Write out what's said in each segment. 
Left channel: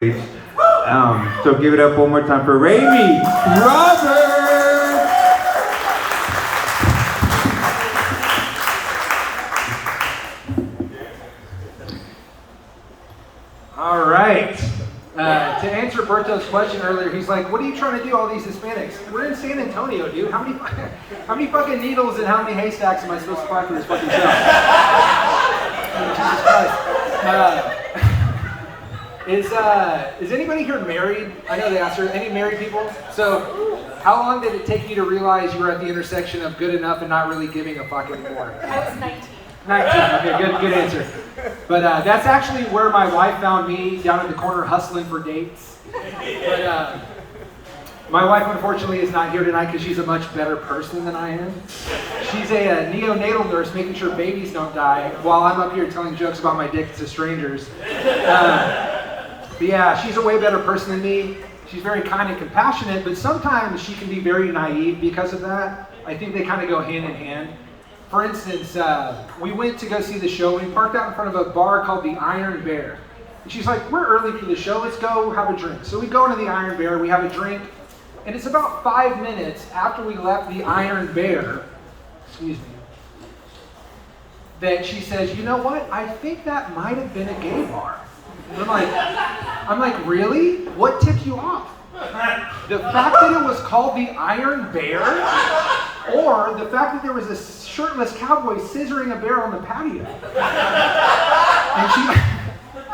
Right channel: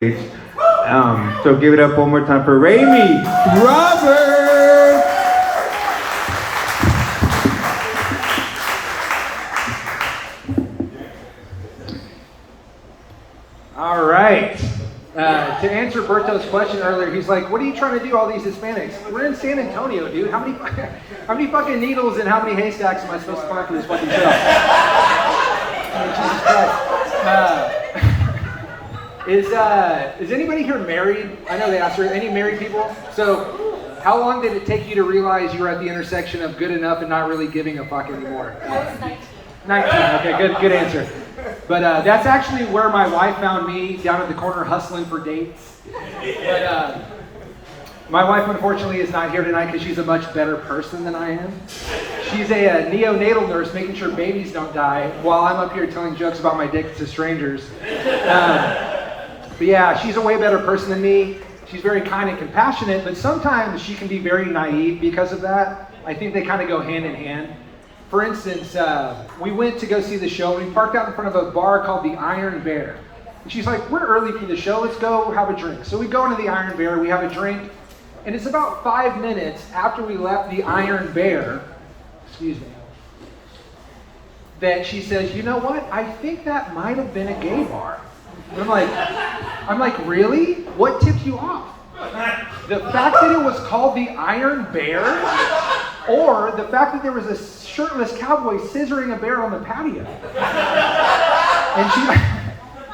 So give it up one more time for Raimi Robert. All right. To answer Berto's question earlier, he's like, "What are you trying to do? All these Hispanics? We're in San Antonio, dude. How many fucking needles and how many haystacks am I supposed to find for this fucking show?" I mean, Jesus Christ. Is anybody here married? I know they asked her. Any married people? So, how long did it take you to realize you were at the intersection of good enough and not really giving a fuck anymore? I was 19. 19. Okay, good answer. But that's actually where my wife found me, down at the corner hustling for dates. But my wife, unfortunately, is not here tonight because she's a much better person than I am. She's a neonatal nurse making sure babies don't die while I'm up here telling jokes about my dick to strangers. But yeah, she's a way better person than me. She's very kind and compassionate, but sometimes she can be very naive because of that. I think they kind of go hand in hand. For instance, we went to go see the show, and we parked out in front of a bar called the Iron Bear. And she's like, "We're early for the show, let's go have a drink." So we go into the Iron Bear, we have a drink, and it's about 5 minutes after we left the Iron Bear, that she says, "You know what? I think that might have been a gay bar." And I'm like, "Really? What tipped you off? The fact that it was called the Iron Bear, or the fact that there was a shirtless cowboy scissoring a bear on the patio?" And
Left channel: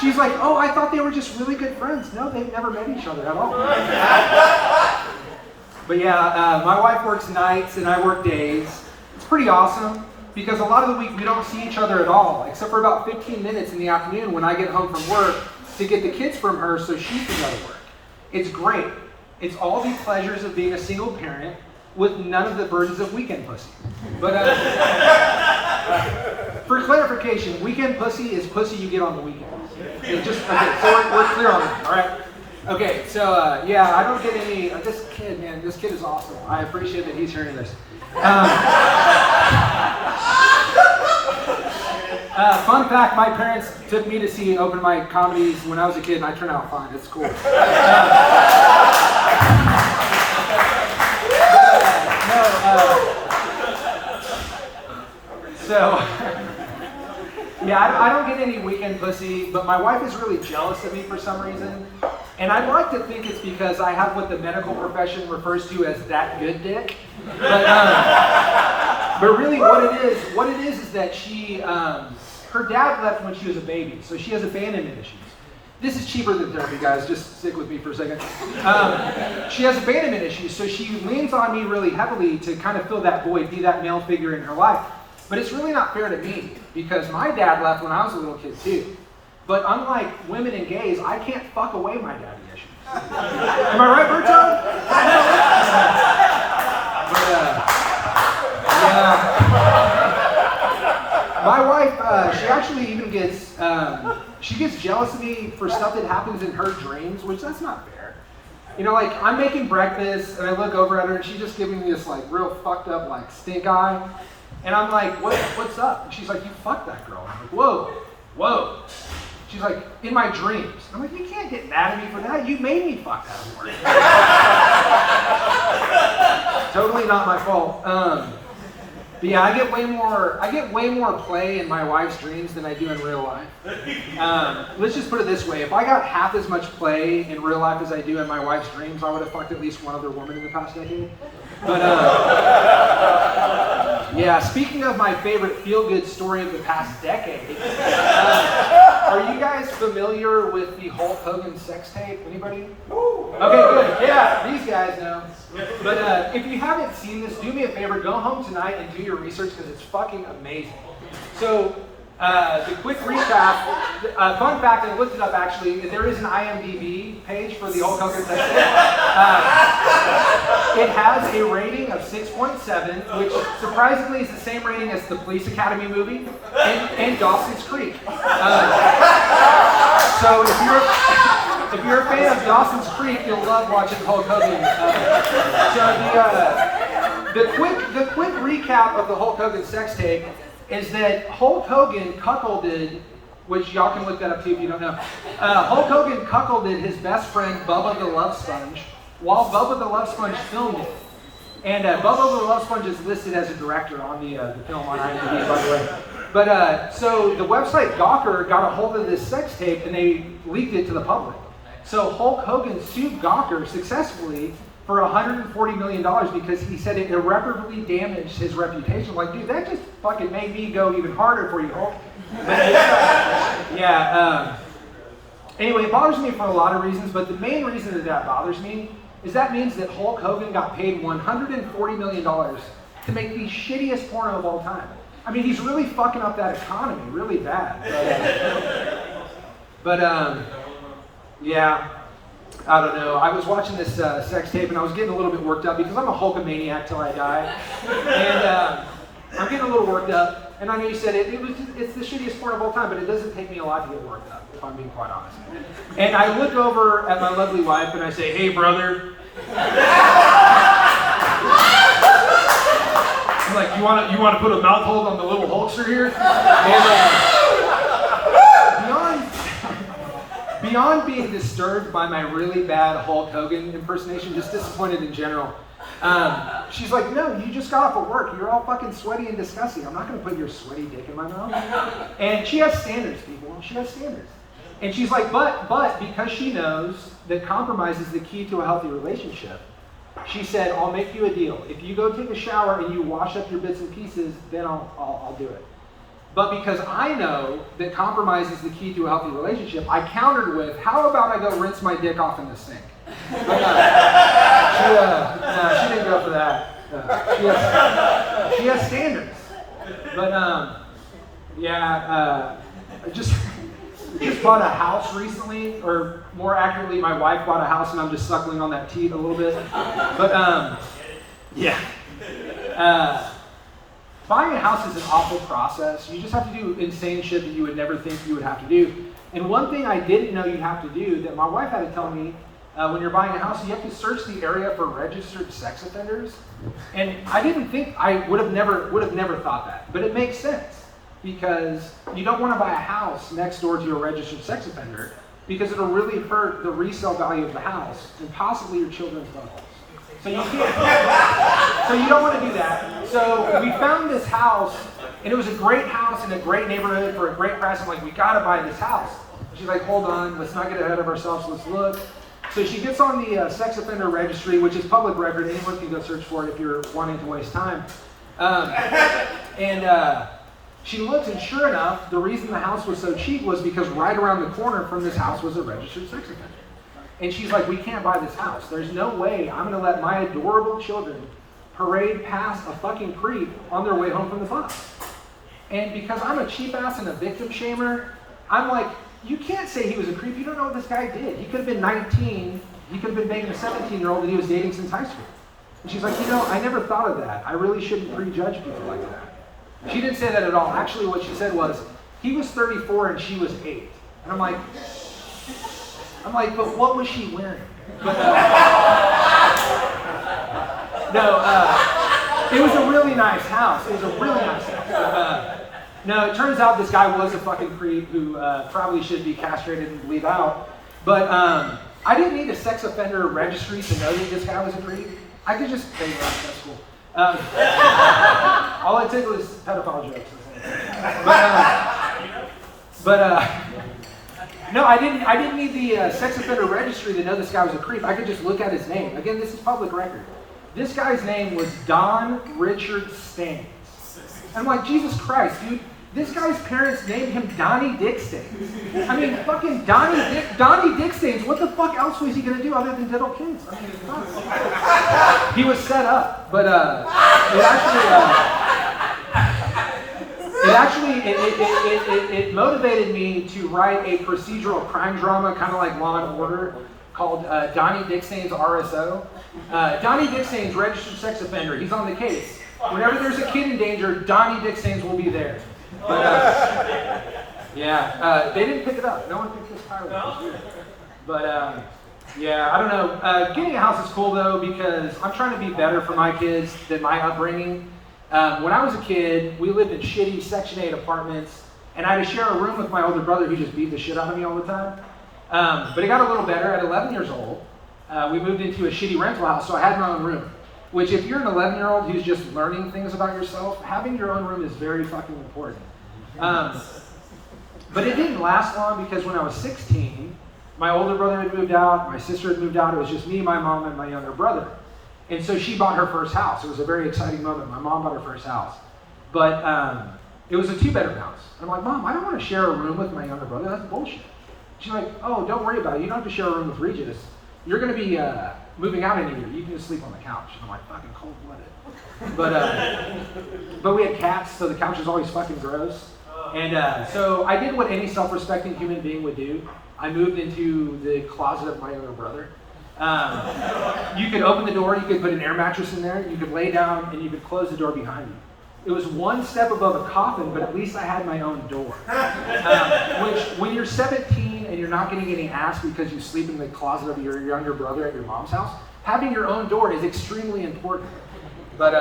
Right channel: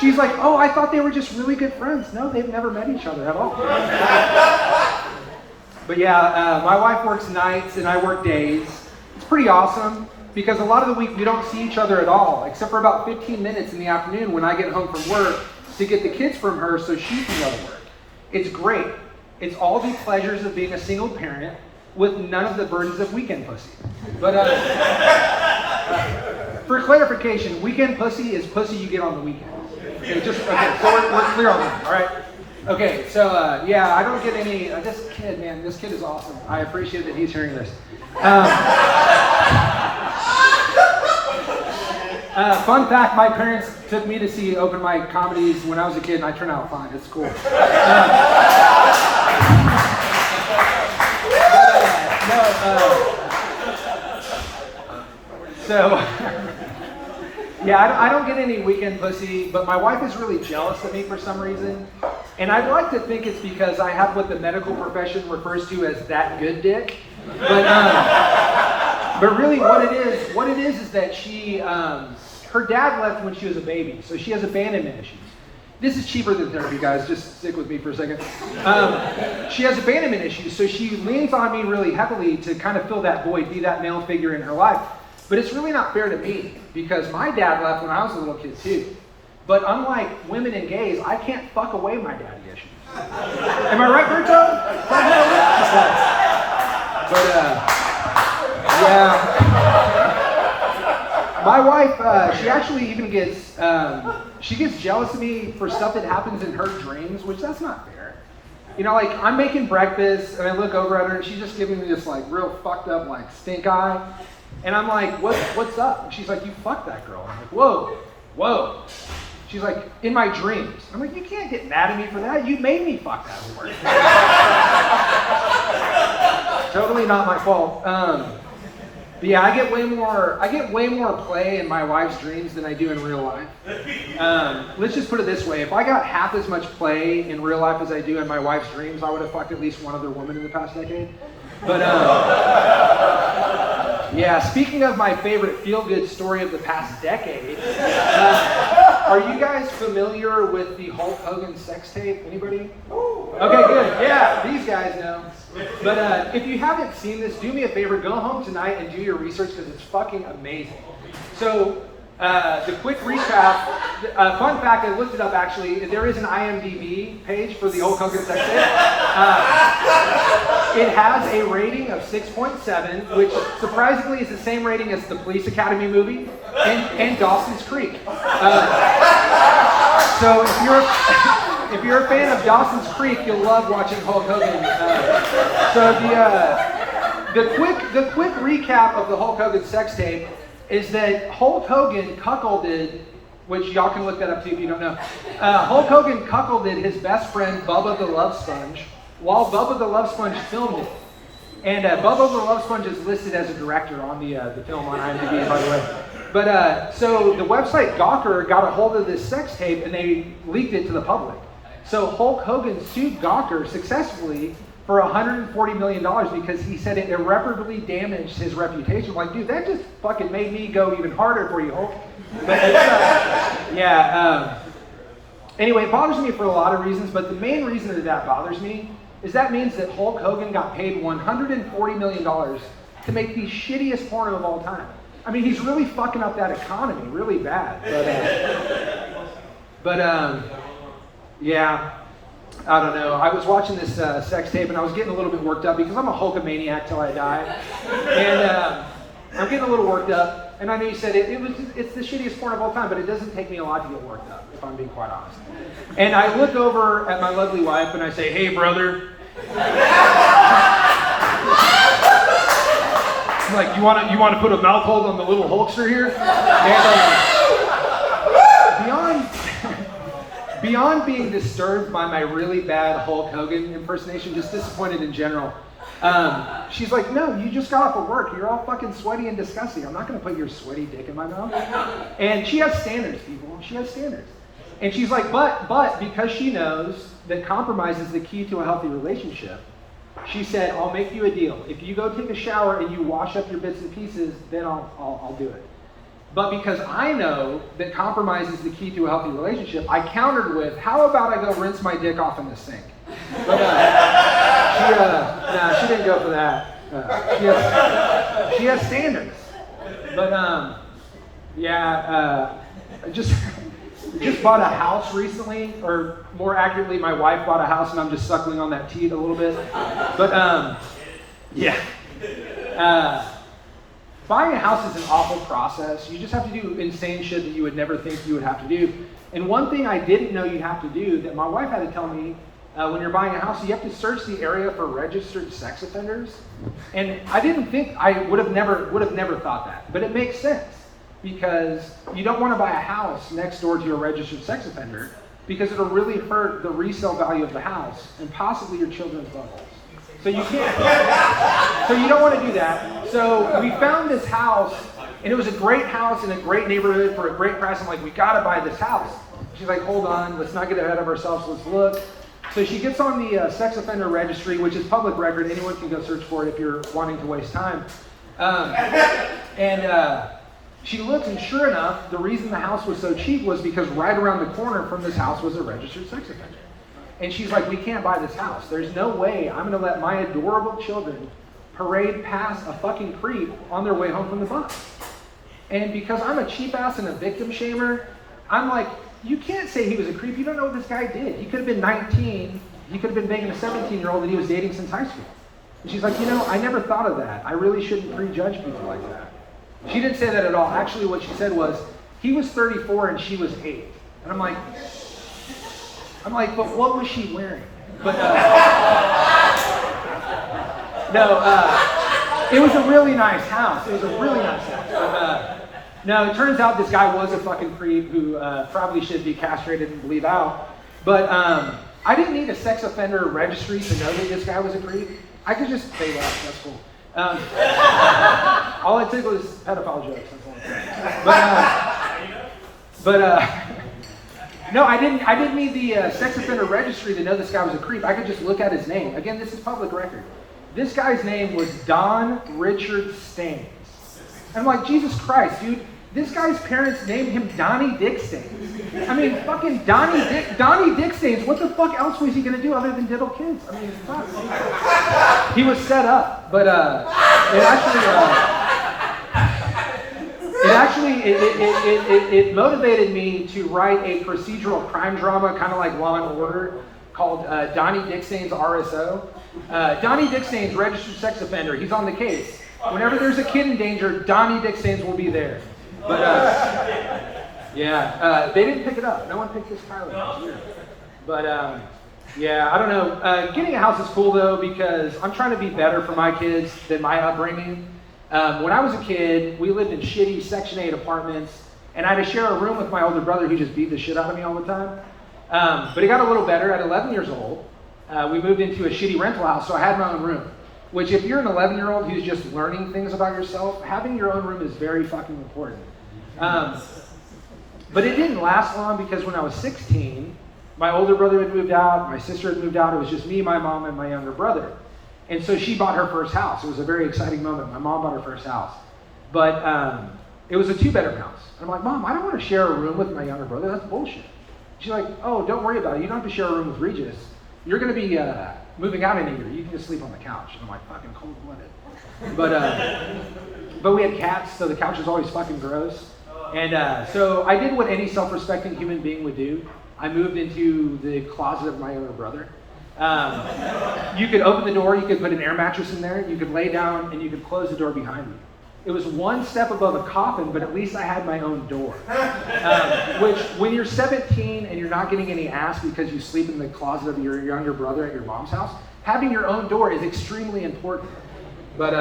she's like, "Oh, I thought they were just really good friends." No, they've never met each other at all. But yeah, my wife works nights and I work days. It's pretty awesome because a lot of the week we don't see each other at all, except for about 15 minutes in the afternoon when I get home from work to get the kids from her so she can go to work. It's great. It's all the pleasures of being a single parent with none of the burdens of weekend pussy. But for clarification, weekend pussy is pussy you get on the weekend. Okay, so we're clear on that, all right? Okay, so yeah, I don't get any, this kid is awesome. I appreciate that he's hearing this. Fun fact, my parents took me to see open mic comedies when I was a kid, and I turned out fine. It's cool. Yeah, I don't get any weekend pussy, but my wife is really jealous of me for some reason. And I'd like to think it's because I have what the medical profession refers to as that good dick. But really what it is that she, her dad left when she was a baby, so she has abandonment issues. This is cheaper than therapy, guys. Just stick with me for a second. She has abandonment issues, so she leans on me really heavily to kind of fill that void, be that male figure in her life. But it's really not fair to me, because my dad left when I was a little kid too. But unlike women and gays, I can't fuck away my daddy issues. Am I right, Berto? Yeah. My wife, she actually even gets, she gets jealous of me for stuff that happens in her dreams, which that's not fair. You know, like, I'm making breakfast, and I look over at her, and she's just giving me this, like, real fucked up, like, stink eye. And I'm like, what's up? And she's like, "You fucked that girl." And I'm like, whoa. She's like, "In my dreams." I'm like, "You can't get mad at me for that. You made me fuck that whore." Totally not my fault. But yeah, I get way more play in my wife's dreams than I do in real life. Let's just put it this way. If I got half as much play in real life as I do in my wife's dreams, I would have fucked at least one other woman in the past decade. But yeah, speaking of my favorite feel-good story of the past decade, are you guys familiar with the Hulk Hogan sex tape? Anybody? Okay, good. Yeah, these guys know. But if you haven't seen this, do me a favor, go home tonight and do your research because it's fucking amazing. So, the quick recap, fun fact, I looked it up actually, there is an IMDb page for the Hulk Hogan sex tape. It has a rating of 6.7, which surprisingly is the same rating as the Police Academy movie and Dawson's Creek. So if you're a fan of Dawson's Creek, you'll love watching Hulk Hogan. The quick recap of the Hulk Hogan sex tape is that Hulk Hogan cuckolded which y'all can look that up too if you don't know. Hulk Hogan cuckolded his best friend, Bubba the Love Sponge, while Bubba the Love Sponge filmed it. And Bubba the Love Sponge is listed as a director on the film on IMDb, by the way. But so the website Gawker got a hold of this sex tape and they leaked it to the public. So Hulk Hogan sued Gawker successfully for $140 million because he said it irreparably damaged his reputation. Like, dude, that just fucking made me go even harder for you, Hulk. But anyway, it bothers me for a lot of reasons, but the main reason that bothers me is that means that Hulk Hogan got paid $140 million to make the shittiest porno of all time. I mean, he's really fucking up that economy really bad. Yeah, I don't know. I was watching this sex tape and I was getting a little bit worked up because I'm a Hulkamaniac till I die. And I'm getting a little worked up. And I know you said it's the shittiest porn of all time, but it doesn't take me a lot to get worked up, if I'm being quite honest. And I look over at my lovely wife and I say, hey, brother. I'm like, you want to put a mouth hold on the little Hulkster here? And beyond being disturbed by my really bad Hulk Hogan impersonation, just disappointed in general, she's like, no, you just got off of work. You're all fucking sweaty and disgusting. I'm not going to put your sweaty dick in my mouth. And she has standards, people. She has standards. And she's like, but because she knows that compromise is the key to a healthy relationship, she said, I'll make you a deal. If you go take a shower and you wash up your bits and pieces, then I'll do it. But because I know that compromise is the key to a healthy relationship, I countered with, how about I go rinse my dick off in the sink? But she didn't go for that. She has standards. But I just bought a house recently, or more accurately, my wife bought a house and I'm just suckling on that teat a little bit. But buying a house is an awful process. You just have to do insane shit that you would never think you would have to do. And one thing I didn't know you have to do that my wife had to tell me, when you're buying a house, you have to search the area for registered sex offenders. And I didn't think, I would have never thought that. But it makes sense because you don't want to buy a house next door to your registered sex offender because it'll really hurt the resale value of the house and possibly your children's buttholes. So you can't. So you don't want to do that. So we found this house, and it was a great house in a great neighborhood for a great price. I'm like, we gotta buy this house. She's like, hold on, let's not get ahead of ourselves. Let's look. So she gets on the sex offender registry, which is public record. Anyone can go search for it if you're wanting to waste time. She looks, and sure enough, the reason the house was so cheap was because right around the corner from this house was a registered sex offender. And she's like, we can't buy this house. There's no way I'm going to let my adorable children parade past a fucking creep on their way home from the bus. And because I'm a cheap ass and a victim shamer, I'm like, you can't say he was a creep. You don't know what this guy did. He could have been 19. He could have been banging a 17-year-old that he was dating since high school. And she's like, I never thought of that. I really shouldn't prejudge people like that. She didn't say that at all. Actually, what she said was, he was 34 and she was 8. And I'm like, but what was she wearing? But it was a really nice house. No, it turns out this guy was a fucking creep who probably should be castrated and bleed out. But I didn't need a sex offender registry to know that this guy was a creep. I could just say that. That's cool. All I took was pedophile jokes. No, I didn't need the sex offender registry to know this guy was a creep. I could just look at his name. Again, this is public record. This guy's name was Don Richard Staines. And I'm like, Jesus Christ, dude. This guy's parents named him Donnie Dick Staines. I mean, fucking Donnie Dick Staines. What the fuck else was he gonna do other than diddle kids? I mean, fuck. He was set up, but it motivated me to write a procedural crime drama, kind of like Law and Order, called Donnie Dick Staines RSO. Donnie Dick Staines, registered sex offender. He's on the case. Whenever there's a kid in danger, Donnie Dick Staines will be there. But they didn't pick it up. No one picked this pilot. But I don't know. Getting a house is cool though because I'm trying to be better for my kids than my upbringing. When I was a kid, we lived in shitty Section 8 apartments, And I had to share a room with my older brother who just beat the shit out of me all the time. But it got a little better. At 11 years old, we moved into a shitty rental house, so I had my own room. Which, if you're an 11-year-old who's just learning things about yourself, having your own room is very fucking important. But it didn't last long because when I was 16, my older brother had moved out, my sister had moved out. It was just me, my mom, and my younger brother. And so she bought her first house. It was a very exciting moment. My mom bought her first house. But it was a 2-bedroom house. I'm like, Mom, I don't want to share a room with my younger brother. That's bullshit. She's like, oh, don't worry about it. You don't have to share a room with Regis. You're going to be moving out in a year. You can just sleep on the couch. And I'm like, fucking cold-blooded. But we had cats, so the couch was always fucking gross. And so I did what any self-respecting human being would do. I moved into the closet of my younger brother. You could open the door, you could put an air mattress in there, you could lay down, and you could close the door behind you. It was one step above a coffin, but at least I had my own door. Which, when you're 17 and you're not getting any ass because you sleep in the closet of your younger brother at your mom's house, having your own door is extremely important. But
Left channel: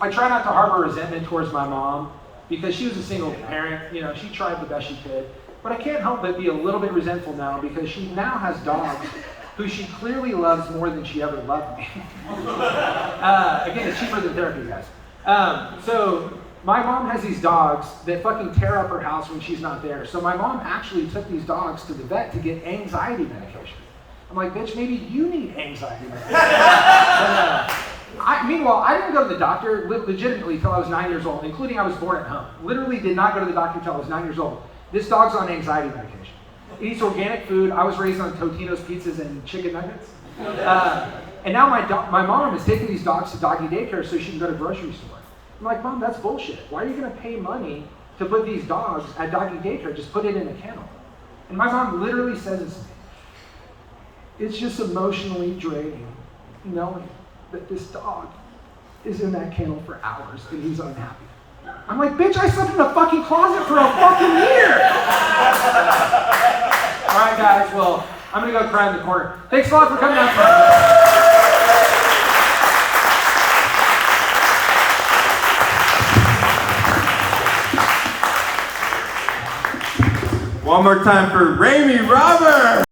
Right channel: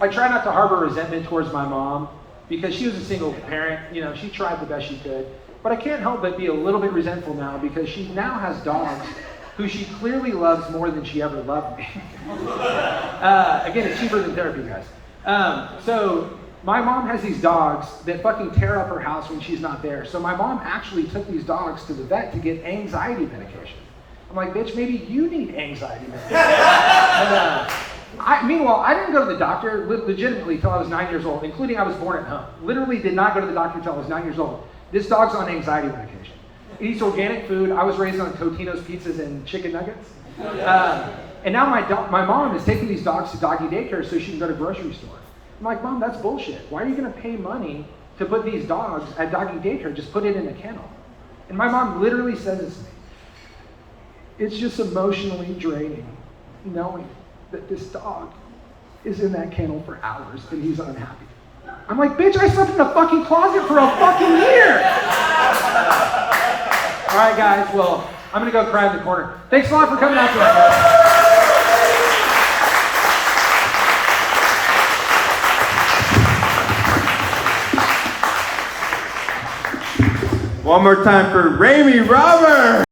I try not to harbor resentment towards my mom because she was a single parent. You know, she tried the best she could. But I can't help but be a little bit resentful now because she now has dogs who she clearly loves more than she ever loved me. Again, it's cheaper than therapy, guys. So my mom has these dogs that fucking tear up her house when she's not there. So my mom actually took these dogs to the vet to get anxiety medication. I'm like, bitch, maybe you need anxiety medication. But, meanwhile, I didn't go to the doctor legitimately till I was 9 years old, including I was born at home. Literally did not go to the doctor till I was 9 years old. This dog's on anxiety medication. It eats organic food. I was raised on Totino's pizzas and chicken nuggets. And now my mom is taking these dogs to Doggy Daycare so she can go to the grocery store. I'm like, Mom, that's bullshit. Why are you going to pay money to put these dogs at Doggy Daycare? Just put it in a kennel. And my mom literally says this to me. It's just emotionally draining knowing that this dog is in that kennel for hours and he's unhappy. I'm like, bitch, I slept in the fucking closet for a fucking year. All right, guys, well, I'm going to go cry in the corner. Thanks a lot for coming out tonight. One more time for Ramey Robert.